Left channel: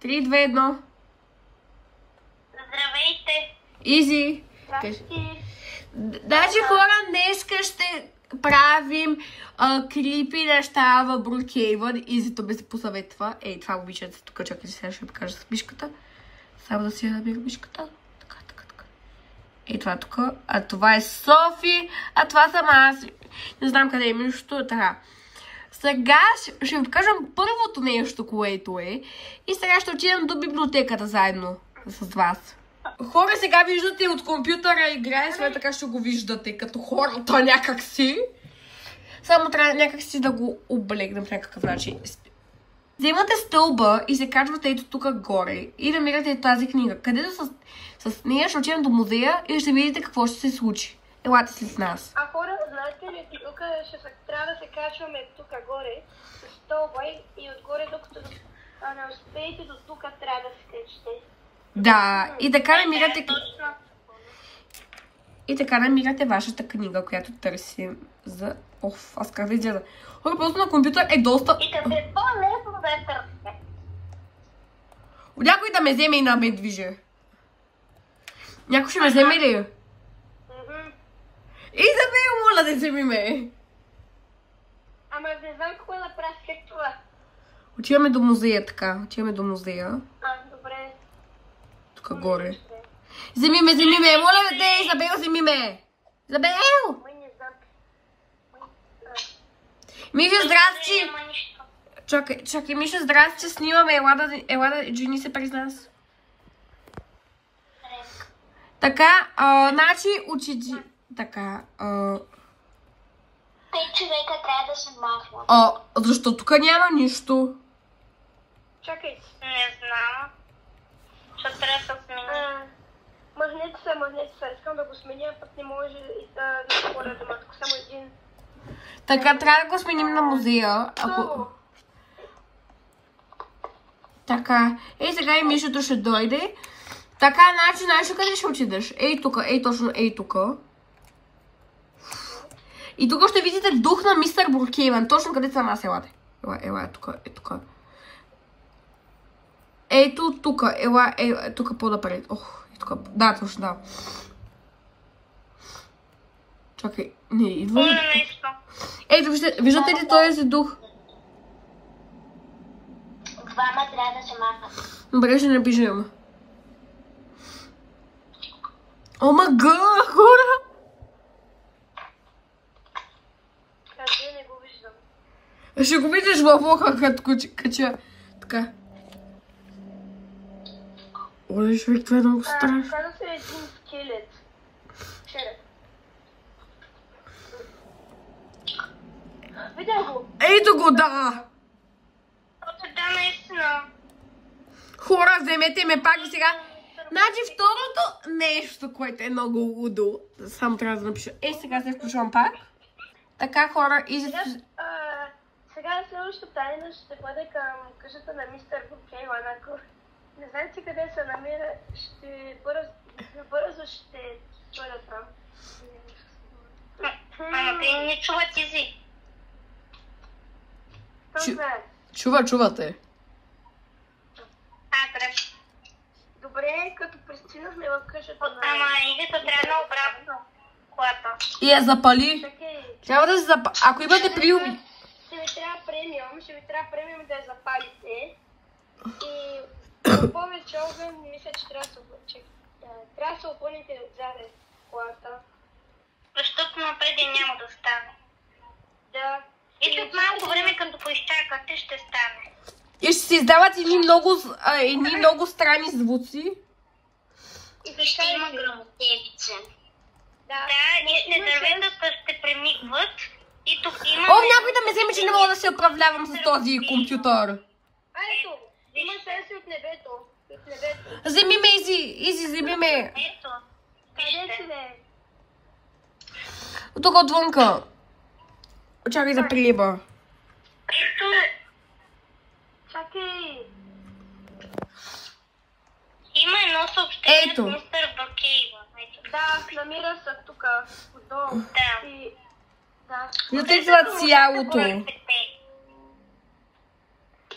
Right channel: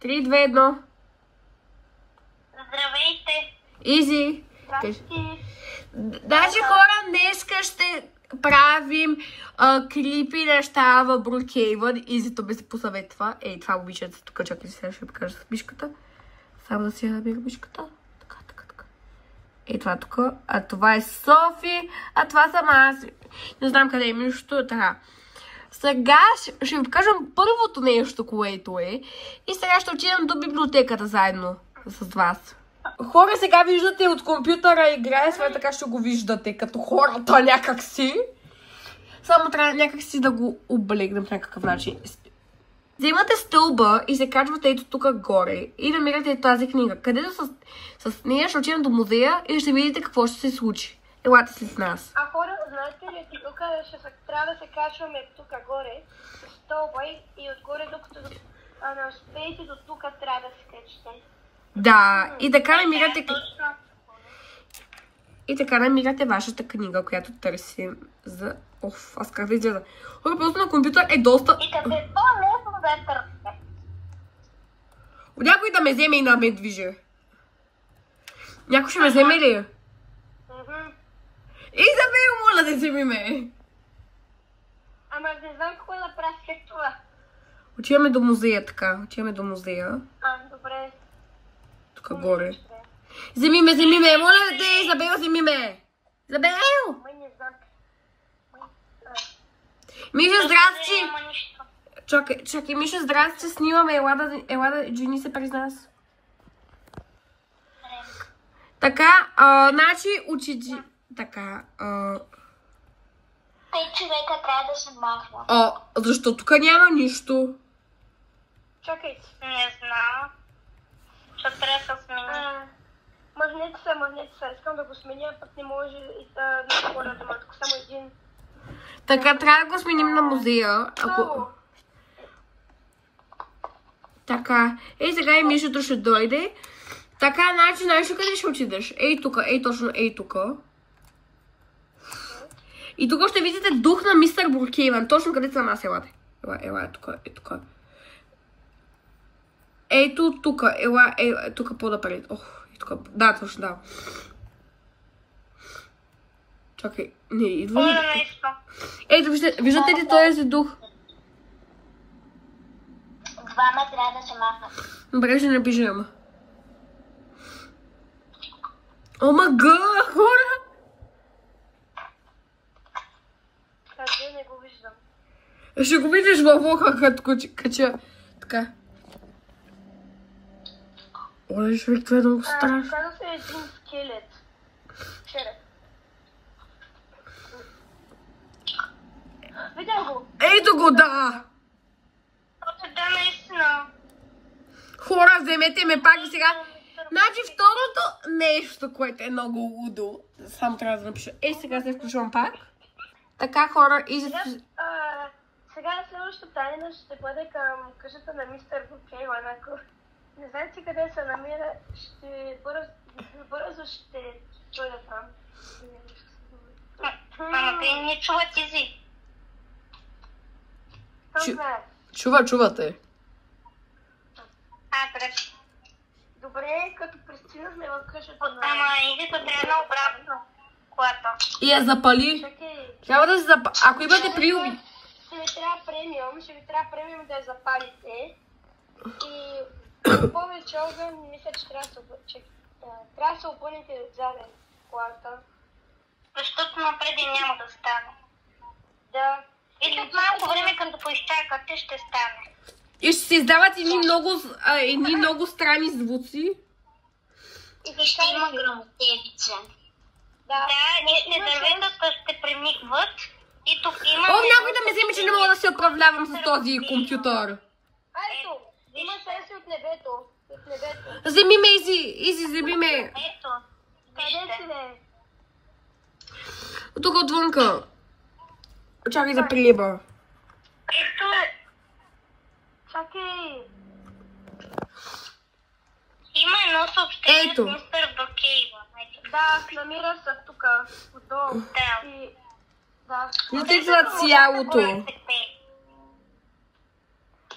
3, 2, 1. Здравейте! Изи! Значи хора, днеска ще правим крипи неща в Brookhaven. Изито ми се посъветва. Ей, това момичето тук, чакайте сега ще ви покажа с мишката. Само да си я намеря мишката. Така. Ей, това тук. А това е Софи. А това съм аз. Не знам къде е мишто. Така. Сега ще ви покажам първото нещо, което е. И сега ще отидем до библиотеката заедно с вас. Хора, сега виждате от компютъра играе, сега така ще го виждате като хората някакси. Само трябва някакси да го облегнем в някакъв начин. Вземате стълба и се качвате ето тук горе и намирате тази книга, където с нея ще отидем до музея и ще видите какво ще се случи. Елате си с нас. А хора, знаете ли, тук трябва да се качваме тук горе, с стълба и отгоре, докато не успеете до тук, трябва да се качите. Да, и така намирате вашата книга, която търсим за... Оф, аз как да изгледа. Хора, просто на компютър е доста... И какво лесно да търсите? Някой да ме вземе и да ме движи. Някой ще ме вземе ли? Изабел, моля да вземи ме. Ама не знам какво да правя след това. Отиваме до музея, така. Отиваме до музея. Добре. Тук горе. Вземи ме, моля те, Изабел, вземи ме. Изабел! Миша, здрасти! Чакай, Миша, здрасти, снимаме, ела да жени се през нас. Така, значи, учи... Така, Тъй човека трябва да се махва. Защо тук няма нищо? Чакай. Не знам. Ще трябва да смени. Магнит са. Искам да го сменя, път не може и да ви говоря дома. Тук само един. Така, трябва да го сменим на музея. Така, сега и Мишето ще дойде. Така, значи, къде ще отидеш? Ей тук, точно ей тук. И тук ще видите дух на мистер Brookhaven. Точно къде съм аз, елате. Ела, тук. Ето тук, тук по-напред. Да, точно, да. Чакай, не, идва ли? Ето, виждате ли този дух? Двама трябва да се махнат. Добре, ще напишем. О, мага, хора! Къде не го виждам? Ще го видиш във оха, като кача. Така. Оле, човек, това е много страшно. Трябва да се един скелет. Видя го. Ето го, да! Да, наистина. Хора, вземете ме пак и сега. Значи второто нещо, което е много лудо. Само трябва да напиша. Сега се включвам пак. Така, хора, Сега следващата тайна ще бъде към къщата на мистер Brookhaven. Ако не знаете къде се намира, бързо ще дойда там. Те не чуват Изи. Чувате. Добре, като пристигнахме в къщата на... Ама Изито трябва обратно колата. И я запали. Трябва да се запали. Ако имате приуби. Ще ви трябва премиум да я запалите. И повече огън, мисля, че трябва да се опълните отзаде колата. Защото напреди няма да стане. Да. И след малко време, като поизчакате, ще стане. И ще се издават едни много странни звуци. И ще има гръмотевица. Да, дърветата ще премигват. И тук има... Някой да ме вземе, че не мога да се управлявам с този компютър. Ето, има сенси от небето. Вземи ме, Изи, вземи ме. Ето, Къде си не? Тук отвънка. Чакай да прилеба. Ето. Чакай. Има едно съобщение Ето. с мистер Brookhaven. Да, намира се тук. Отдолу. Да. Виждате това цялото.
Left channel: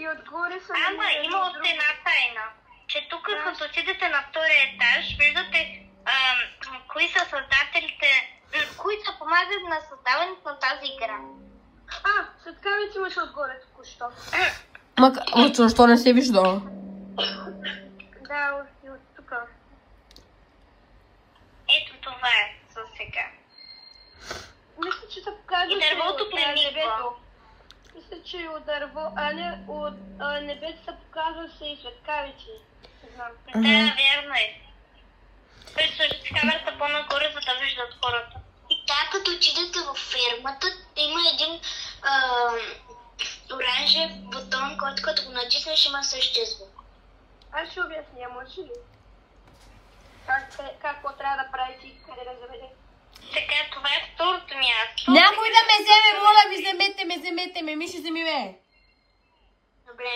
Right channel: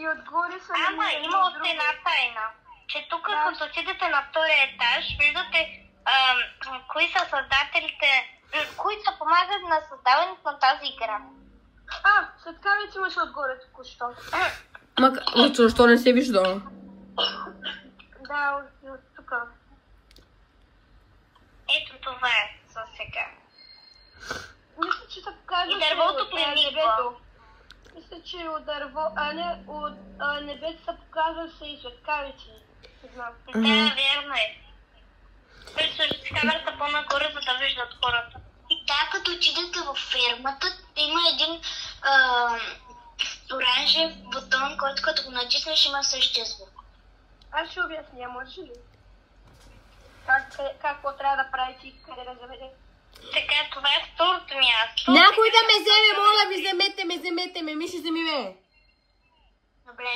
И отгоре са... Ама има още една тайна, че тук като отидете на втория етаж, виждате кои са създателите, кои са помагат на създаването на тази игра. Светкавици имаше отгоре току-що. Защо не се вижда? Да, от тук. Ето това е за сега. Мисля, че се показва... И дървото прениква. Мисля, че от дърво, от небето се показва се и светкавици. Не знам. Да, вярно е. Той сложи камерата по-нагоре, за да виждат хората. И така, като отидете във фермата, има един оранжев бутон, който като го натиснеш има същия звук. Аз ще обясня, може ли? Какво трябва да правите и къде да заведете? Така, това е второто място. Някой да ме вземе, моля ви, вземете ме, Миши, вземи ме. Добре.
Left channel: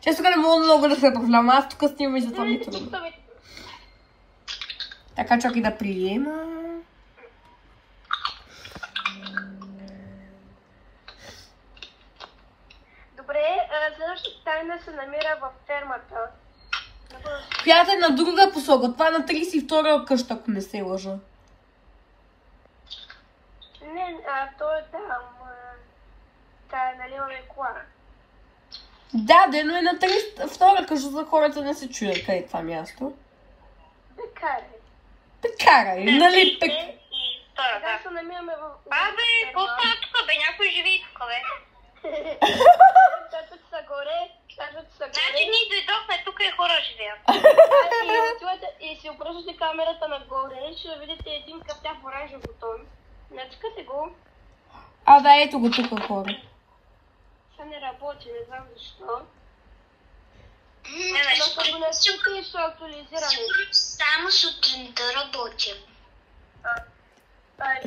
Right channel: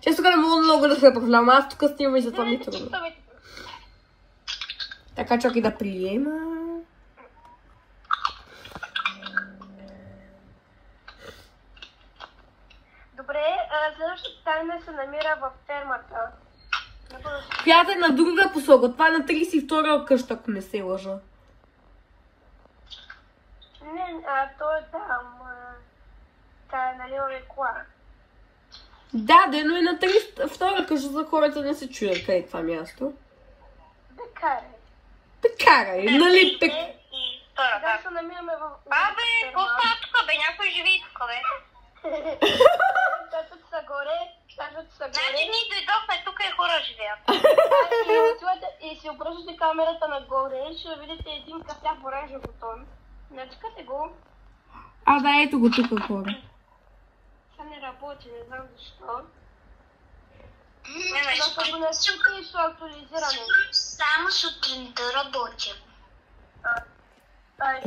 Често не мога много да се проблема, аз тук снимам и затова ми е трудно. Така, чакай да приема. Добре, следващата тайна се намира във фермата. Която е на друга посока. Това е на 32-а къща, ако не се лъжа. Не, той е там. Тя е нали рекла. Да, но е на 32-а къща, за хората не се чуят къде е това място. Карай, нали пек... И втора, Сега да. се намираме в... Бабе, какво става тук, бе? Някой живи тук, бе. Татът са горе. Значи ние дойдохме, тук и хора живеят. И си обръщате камерата нагоре, ще видите един кафяв оранжев бутон. Натискате го. Да, ето го тук хора. Сега не работи, не знам защо. Не, Защото го натискате и ще актуализираме. Само сутринта работя.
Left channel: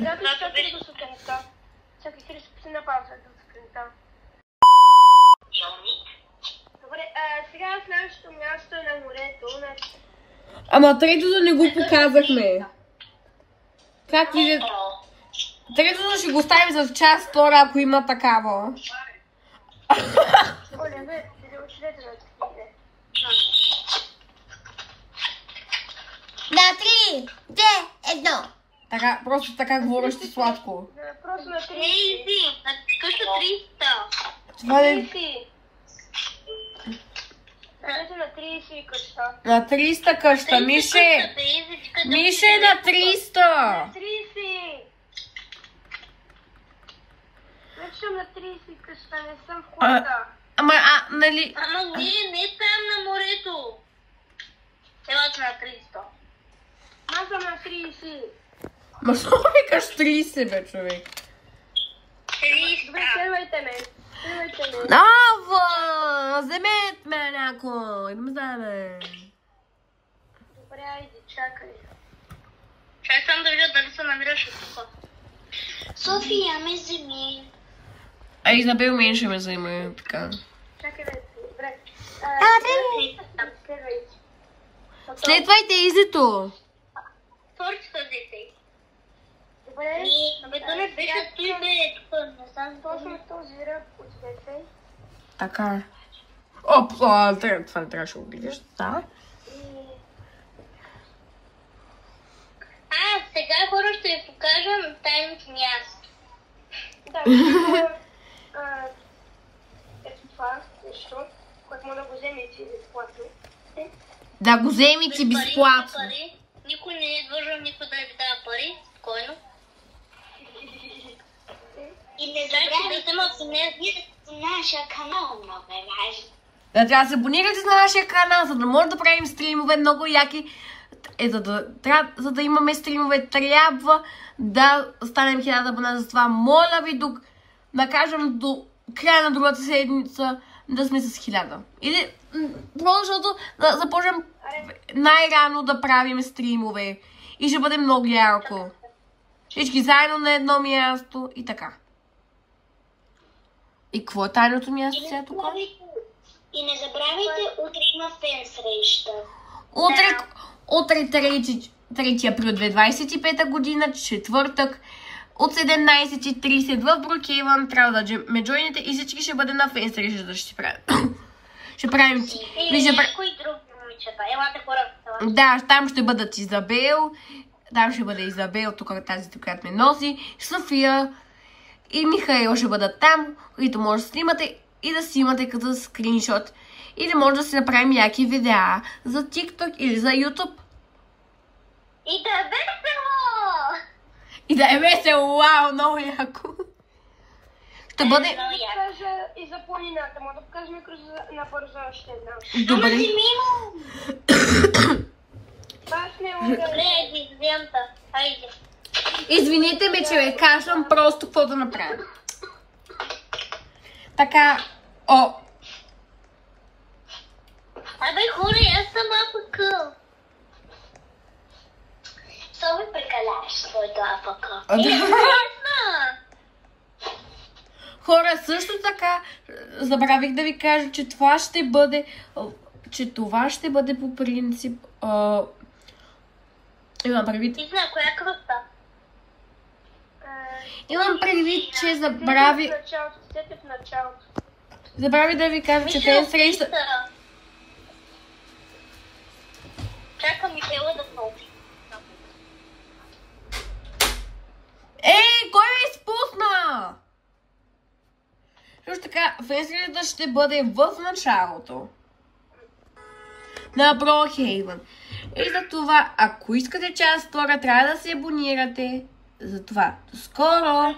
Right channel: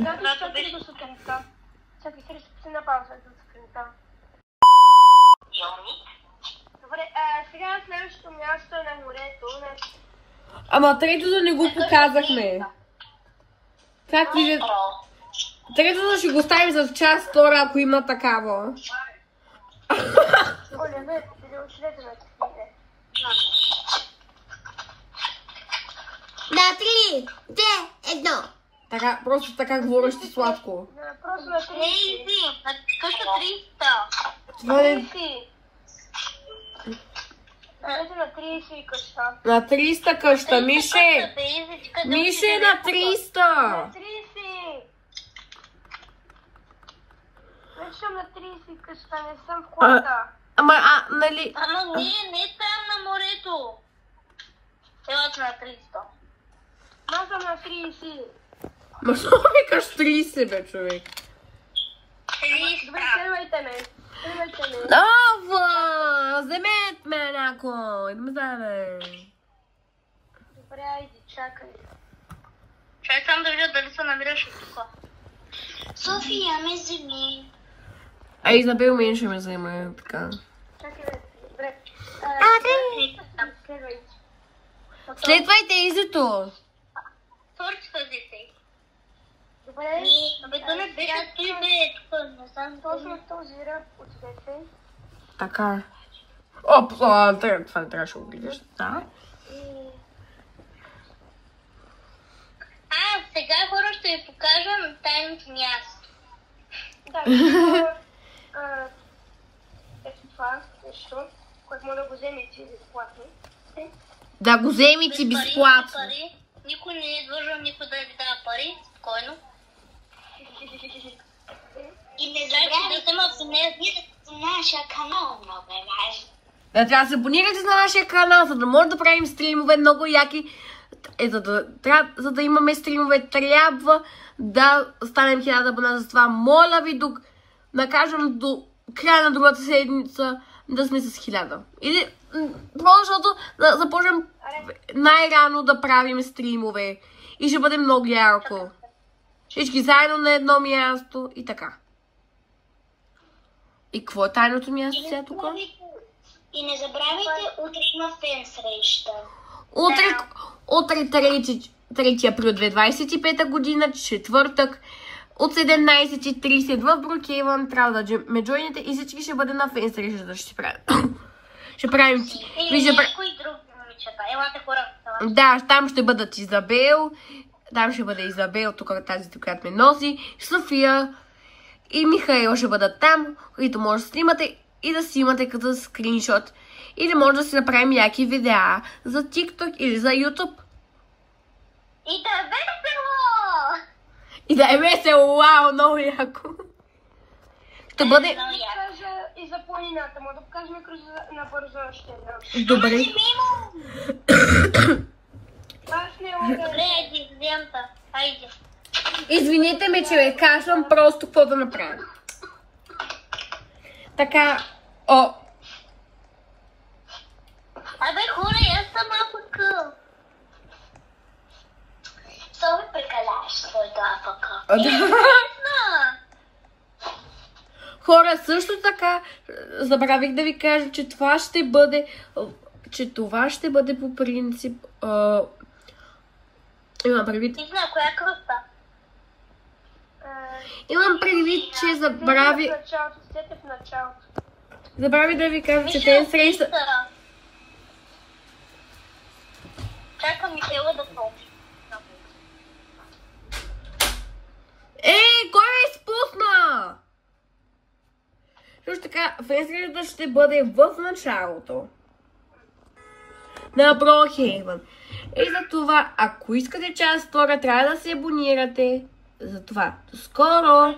Как ще до сутринта? Чакай, Христо, си на пауза до сутринта. Добре, сега следващото място е на морето. Ама третото не го показахме. Как видят? Третото ще го ставим за част втора, ако има такава. На 3, 2, 1. Така, просто така говориш ти сладко. Просто на 30. Изи, на къща 300. Това е... Ето на 30 къща. На 300 къща, Мише! Мише на 300! На 30! Вече съм на 30 къща, не съм в хората. Нали... Ама ние не там на морето. Елате на 300. Аз съм на 30. Ма що викаш 30, бе, човек? 300. Добре, следвайте ме. Ава! Вземете ме някой! Да ме вземе! Добре, айде, чакай. Чай само да видя дали се намираш от това. София ме вземи. Изабел мен ще ме вземе, така. Чакай, добре. Следвайте. Следвайте Изито! Торчета взете. Добре. Абе, то не беше той, бе. Тук не съм Точно в този ряд посвети. Така. Това не трябваше да го гледаш. Да. Сега хора ще ви покажем тайното място. Да, ето това нещо, което може да го вземете безплатно. Да го вземете безплатно. Никой не е длъжен никой да ви дава пари. Спокойно. И не забравяйте да се абонирате на нашия канал, много е важно. Да, трябва да се абонирате на нашия канал, за да може да правим стримове много яки. За да имаме стримове, трябва да станем 1000 абона. Затова моля ви да кажем до края на другата седмица да сме с 1000. Или защото да започнем най-рано да правим стримове. И ще бъде много ярко. Всички заедно на едно място и така. И какво е тайното място сега тук? И не забравяйте, утре има фен среща. Утре 3 април 2025 година, четвъртък, от 17:30 в Брукейвън. Трябва да ме джойнете и всички ще бъде на фейсрежа да ще правим. Ще правим... Или някой друг момичета. Елате хората. Да, там ще бъдат Изабел. Там ще бъде Изабел, тук тази, която ме носи. София и Михаил ще бъдат там, които може да снимате и да снимате като скриншот. Или може да си направим яки видеа за TikTok или за YouTube. И да е весело! И да е весело, вау, много яко. Ще бъде... Кажа и за планината, му да покажем набързо още една. Добре. Аз не Добре, президента. Хайде. Извините ме, че ви кашлям, просто какво да направя. Така, о. Абе, хора, аз съм АПК. Само прекаляваш своето АПК. Хора, също така, забравих да ви кажа, че това ще бъде, по принцип, имам предвид, Ти зна, коя кръста? имам предвид, че В началото. забравих да ви кажа, че те среща... Чакам Михайла да получи. Ей, кой ме изпусна? Също така, фейсрежата ще бъде в началото на Брукейвън. И за това, ако искате част втора, трябва да се абонирате. За това, до скоро!